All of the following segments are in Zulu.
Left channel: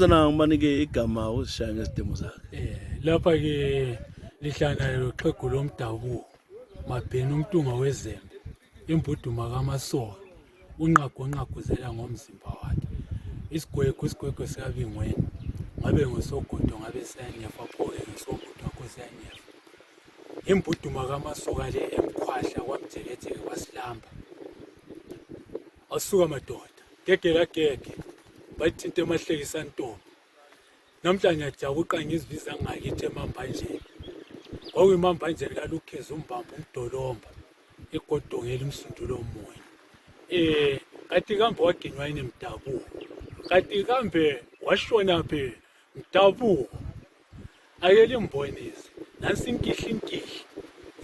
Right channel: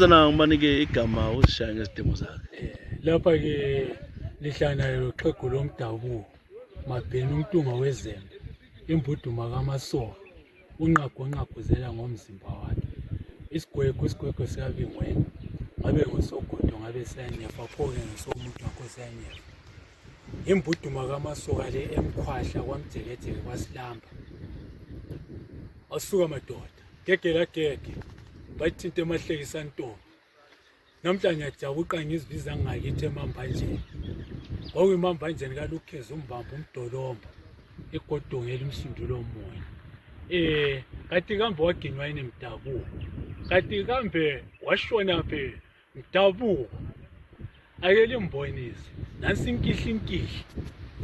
Sana ngibanike igama uzishaya ngesidemo zakhe. Lapha ke lihlana loxhegu lomdabuko mabheni umtunga wezembe imbuduma kamasoka unqagonqaguzela ngomzimba wakhe isigwegwe sikabingweni ngabe ngosogodo ngabe siyanyefa phoke ngesomuntu wakho siyanyefa imbuduma kamasoka le emkhwahla kwamjekejeke kwasilamba asuka madoda gegela bathi into emahlekisa ntombi namhlanje ajabuqa ngizibiza ngakithi emambanjeni kwakuyimambanjeni kalukheza umbamba umdolomba igodongela umsundulo moya kathi kambe waginywa yini mdabuko kathi kambe washona phe mdabuko ayele imbonisi nansi inkihli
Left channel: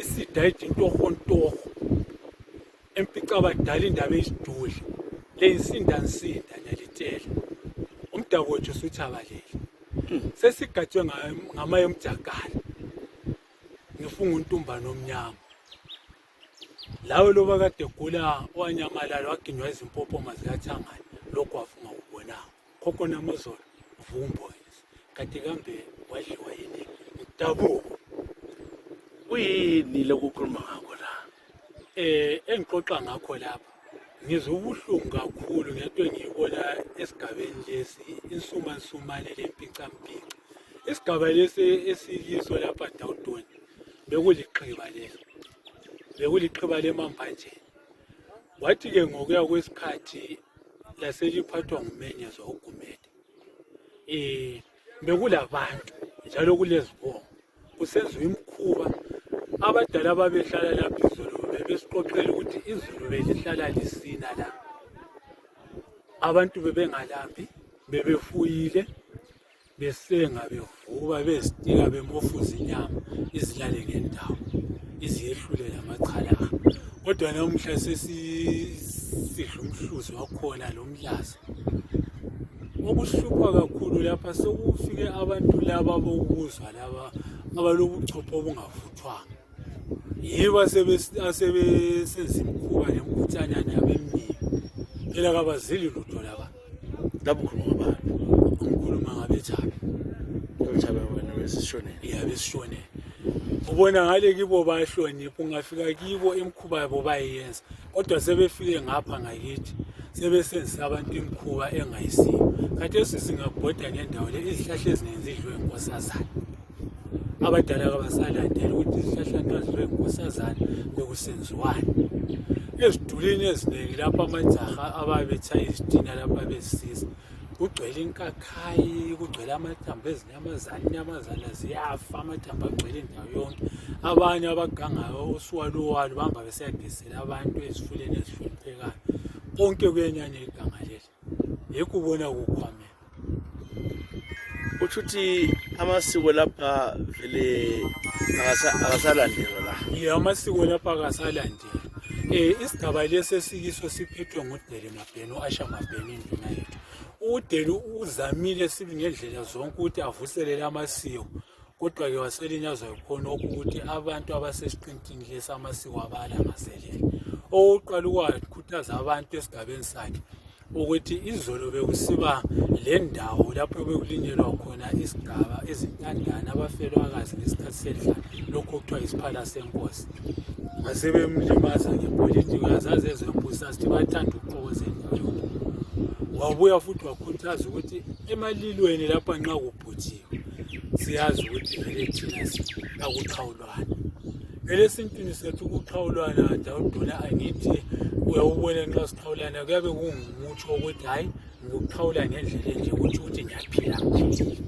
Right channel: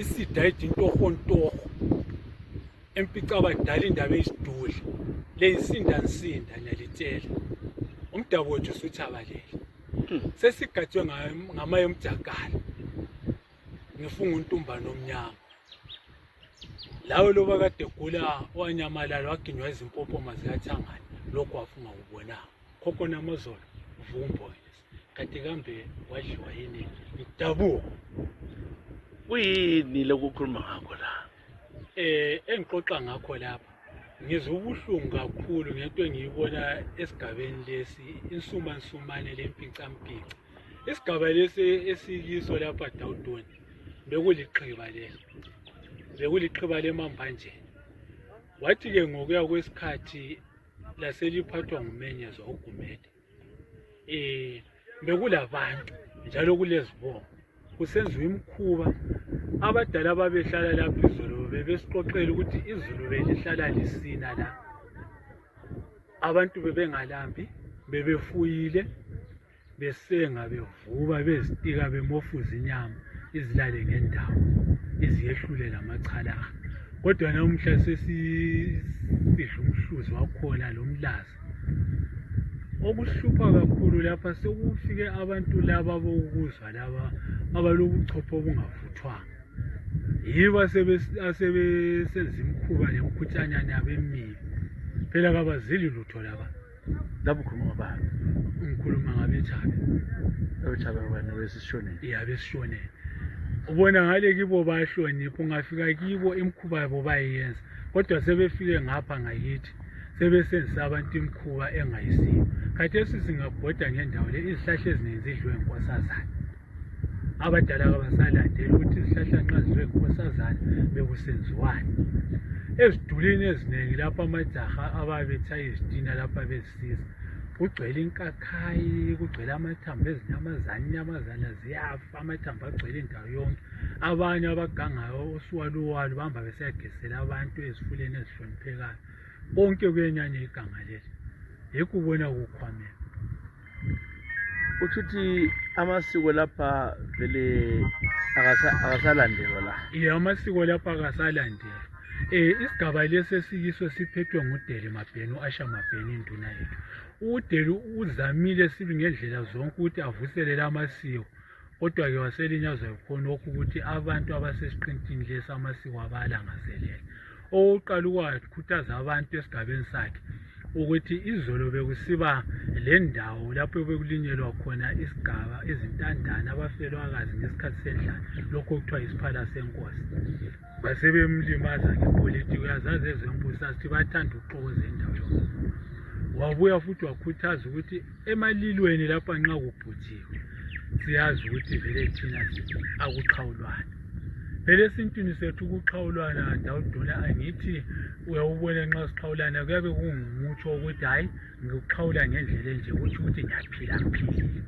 isidayidi intorho empica abadala indaba esidudla leyisinda nyalitshela umdabu wethu usuthabalele sesigatshwe ngamaye omjakala ngifunga untumbano omnyama lawe loba kade gula owanyamalala waginywa izimpopoma zikathangane lokho wafunga kubonanga khokho namazolo vumbonisi kanti kambe wadliwa yini mdabuko Uyini lokukhuluma ngakho la? Engixoxa ngakho lapha ngizwe ubuhlungu kakhulu ngento engiyibona esigabeni lesi insumansumane lempicampica isigaba lesi esiyiso lapha Dawudoni bekuliqhiba lemambanjeni wathi ke ngokuya kwesikhathi laseliphathwa ngumenyezwa ugumede bekulabantu njalo kulezibongo kusenziwa imkhuba abadala ababehlala lapha izolo bebesixoxela ukuthi izolo belihlala lisina la abantu bebengalambi bebefuyile besenga bevuba bezitika bemofuza inyama izilale ngendawo iziyehlule lamachala kodwa namuhla sesisidla umhluzi wakhona lomlaza okuhlupha kakhulu lapha sekufike abantu laba bokuzwa laba abalobuchopho obungavuthwanga yibo asebesenza imkhuba nemkhutshanyana yabemini phela kabazili lutho laba Lapho ukhuluma ngabantu. ngikhuluma ngabetshabe Wena besishonele. besishonele ubona ngale kibo bayahlonipha ungafika kibo imkhuba yabo bayenza kodwa sebefike ngapha ngakithi sebesenzisa abantu imkhuba engayisiyo khathesi singabhoda ngendawo le izihlahla eziningi zidliwe inkosazana abadala kabasalandela ukuthi izihlahla nxa zidliwe inkosazana bekusenziwani ezidulini eziningi lapha amajaha ababetshaya izitina lapha bezisiza kugcwele inkakhayi kugcwele amathambo inyamazana ziyafa amathambo agcwele indawo yonke abanye abagangayo usuwaluwalu bahamba besiyagesela abantu ezifuleni ezihloniphekayo konke kuyenyanya iganga leli yikho ubona kukhwamela Uthi amasiko lapha vele akasalandelwa la. Amasiko lapha akasalandelwa isigaba lesi esiyiso siphethwe ngudele mabheni uAsha mabheni induna yethu udele uzamile sibi ngendlela zonke ukuthi avuselele amasiko kodwa ke waselinyazwa khona ukuthi abantu abasesiqintini lesi amasiko abalangazelele oqala ukwakhuthaza abantu esigabeni sakhe ukuthi izolo bekusiba le ndawo lapho bekulinyelwa khona isigaba izintandane abafelwakazi ngesikhathi sedlala lokho kuthiwa isiphala senkosi basebemlimaza ngepolitiki uyazazi ezembusa sithi bathanda ukuxokoza indawo yonke wabuya futhi wakhuthaza ukuthi emalilweni lapha nxa kubhuthiwe siyazi ukuthi vele thina akuxhawulwana vele esintwini sethu ukuxhawulwana Dawudona angithi uyawubona nxa sixhawulana kuyabe kungumutsho ukuthi hayi ngikuxhawula ngendlela enje ukuthi ngiyaphila ngiphilile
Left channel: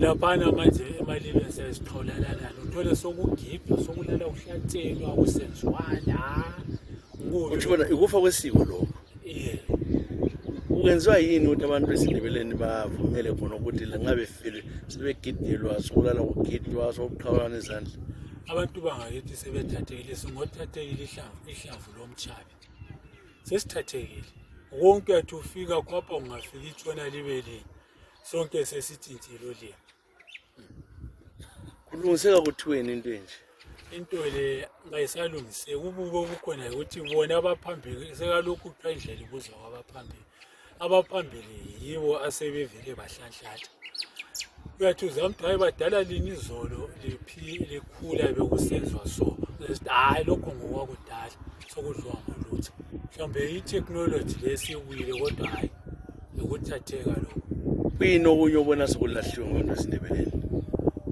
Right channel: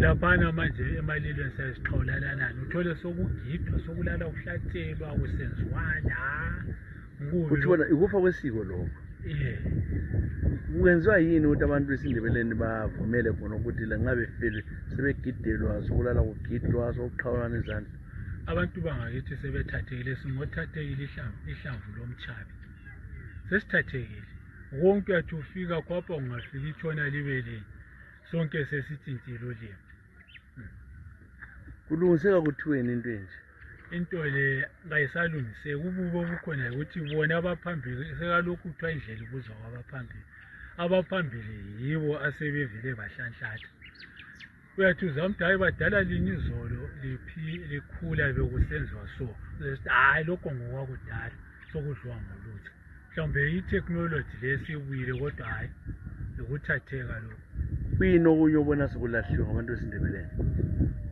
laphana manje emalilweni sesixhawulalana uthole sokugidwa sokulala uhlatshelwa kusenziwana Uthi bona ikufa kwesiko lokho. Ukwenziwa yini ukuthi abantu besindebeleni bavumele khona ukuthi la ngabe file sebegidelwa sokulala kugidwa sokuqhawulana izandla abantu bangakithi sebethathekile singothathekile ihlamvu lomtshabi sesithathekile wonke athi ufika khapha ungafika itshona libeleni sonke sesitshintshile ulimi kulungiseka kuthiweni into enje into le ngayisalungiseka ububo bukhona ukuthi bona abaphambili sekalokhu kuthiwa indlela ibuzwa kwabaphambili abaphambili yibo asebevele bahlanhlatha. Uyathi uzamthi hayi badala lini izolo likhula bekusenzwa so. Hayi lokho ngokwakudala sokudliwa ngolutho. Mhlawumbe i-technology lesibuyile kodwa hayi ukuthatheka lokho. Kuyini okunye obona sekulahliwe ngabantu besindebeleni?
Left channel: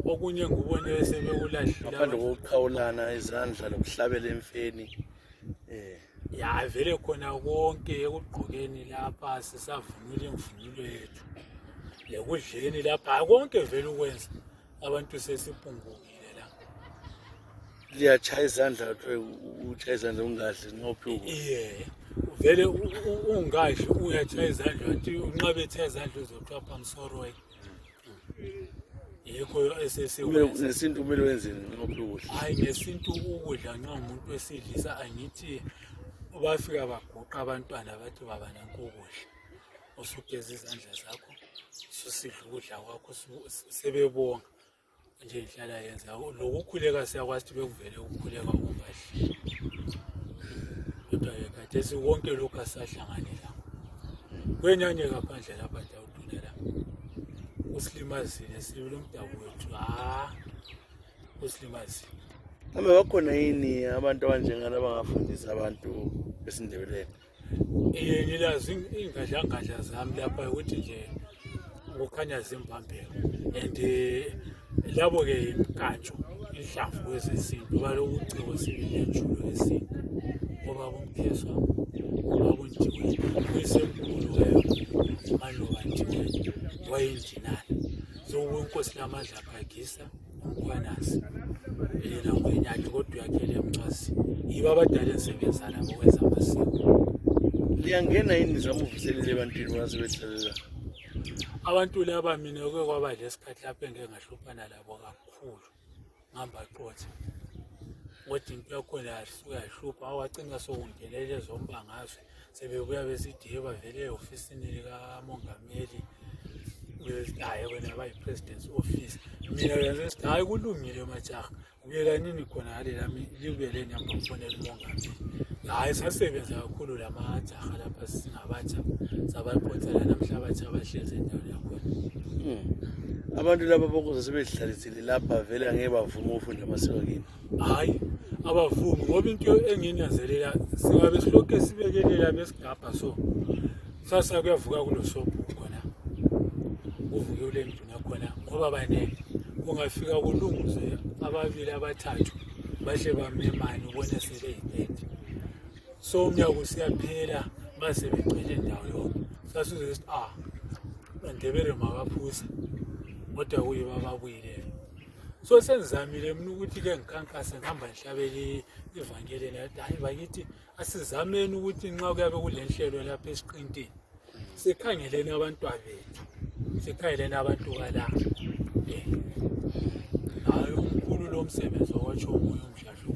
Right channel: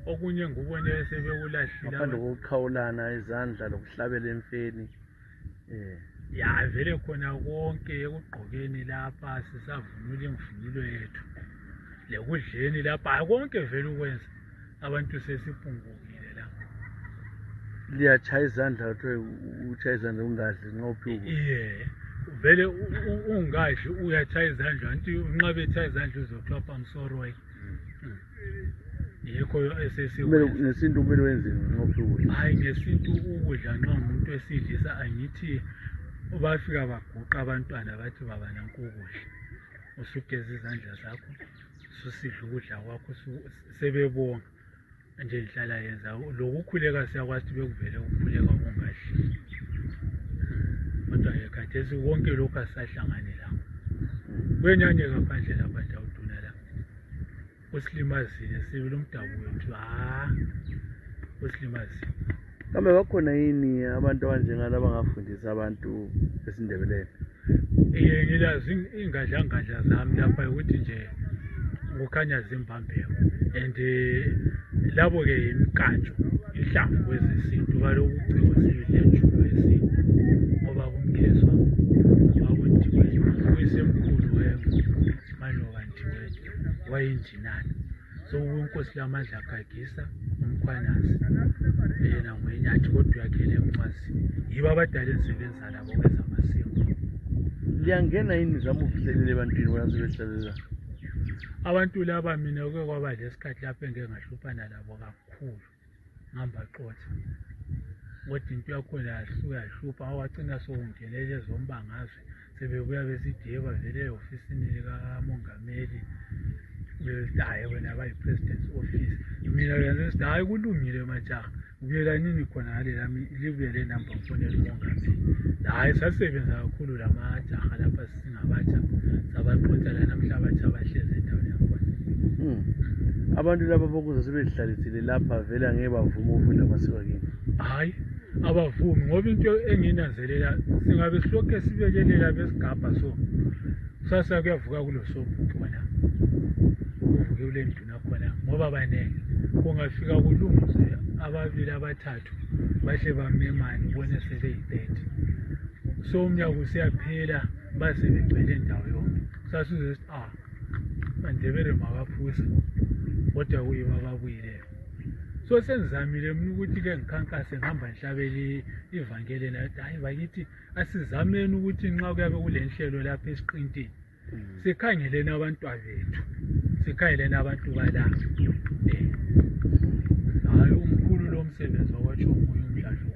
Okunye ngubone sebekulahlile ngaphandle kokuqhawulana izandla lokuhlabela emfeni. Ya vele khona konke ekugqokeni lapha sisavunula imvunulo yethu. Lekudleni lapha konke vele ukwenza abantu sesipungukile la. Liyachaya izandla utshaya izandla ungadli ngophi vele ungadli uyachaya izandla wathi unqabe ethaya izandla uzothiwa pamsoroy. Yikho esesiwenza. Ngesintu kumele wenzeni ngophi ukudla? Hayi ngesintu ukudla nxa umuntu wesidlisa angithi bafika baguqa abantwana bathi baba nanku ukudla. Usugeza izandla zakho ususidla ukudla kwakho sebebonga nje inhlala yenza lokukhuleka siyakwazi ukuthi bekuvele ukukhuleka ungadli. Kodwa ekhathesi konke lokhu asahlanganela. Kwenyanye ngaphandle lapha dawuduna la. Usilimazile sibili umdabu wethu usilimazile. Kambe bakhona yini abantu abanjengana abangafundisa abantu besindebeleni? Ngilazi ingadla zami lapha ukuthi nje kukhanya zimbambeko and labo ke imkantsho ihlamvu kwezesintu baloku uciko sibili enjulo yesintu ngoba kumkheswa ngoba kundiweni kuyisemkhulu maloba ndiweni wayindinani so inkosi lamandla akagisa umkhwanazi yena ngwenyathi kodwa uyakhele emncwazi yibo abadala ensebenza labo kwenza amasiko. Liyangena yini zama uvuselele ebantwini basebehlalela? Abantu laba mina kwaba lesikhathi lapho engeke ngahluphana labo kakhulu ngihamba xotha kodwa into yakhona yahlupha awagcina sokungenele zombangazwe sebebuya besideba vele e-ofisini likamongameli hayi wena bayi-president's office. Mina yenze sithi hayi kulungile majaha ubuyela nini khona ngale lami libuyele number mfonela umongameli. Hayi sasebenza kakhulu lamajaha lapha singabatsha sabaqotha la namhla abatsha abahlezi endaweni yakhona. Abantu laba bokuze sebezihlalisile lapha vele angeke bavuma ukufunda amasiko kini? Hayi abavumi ngoba into enginanzelela singabe silokhu sibekelela besigabha so sasa kuyavuka kulo sobhuku khona kuvuke kule nduna khona ngoba banele kungafika kulunguze ababili abathathu bahle bamemane ubone sebeyibhede so umnyaka usiyaphela base begcwele indawo yonke sasuze sithi bandebele makaphusa kodwa kuyiba babuyile. So senzamile mina ukuthi ke ngikhankase ngihamba ngihlabele ivangeli nathi hayi bakithi asizameni ukuthi nxa kuyabe kulenhlelo lapha esiqintini sikhangeleni abantu bethu sikhangeleni abantu bala hayi umkhulu lo msebenzi owatsho umoya umhlahlo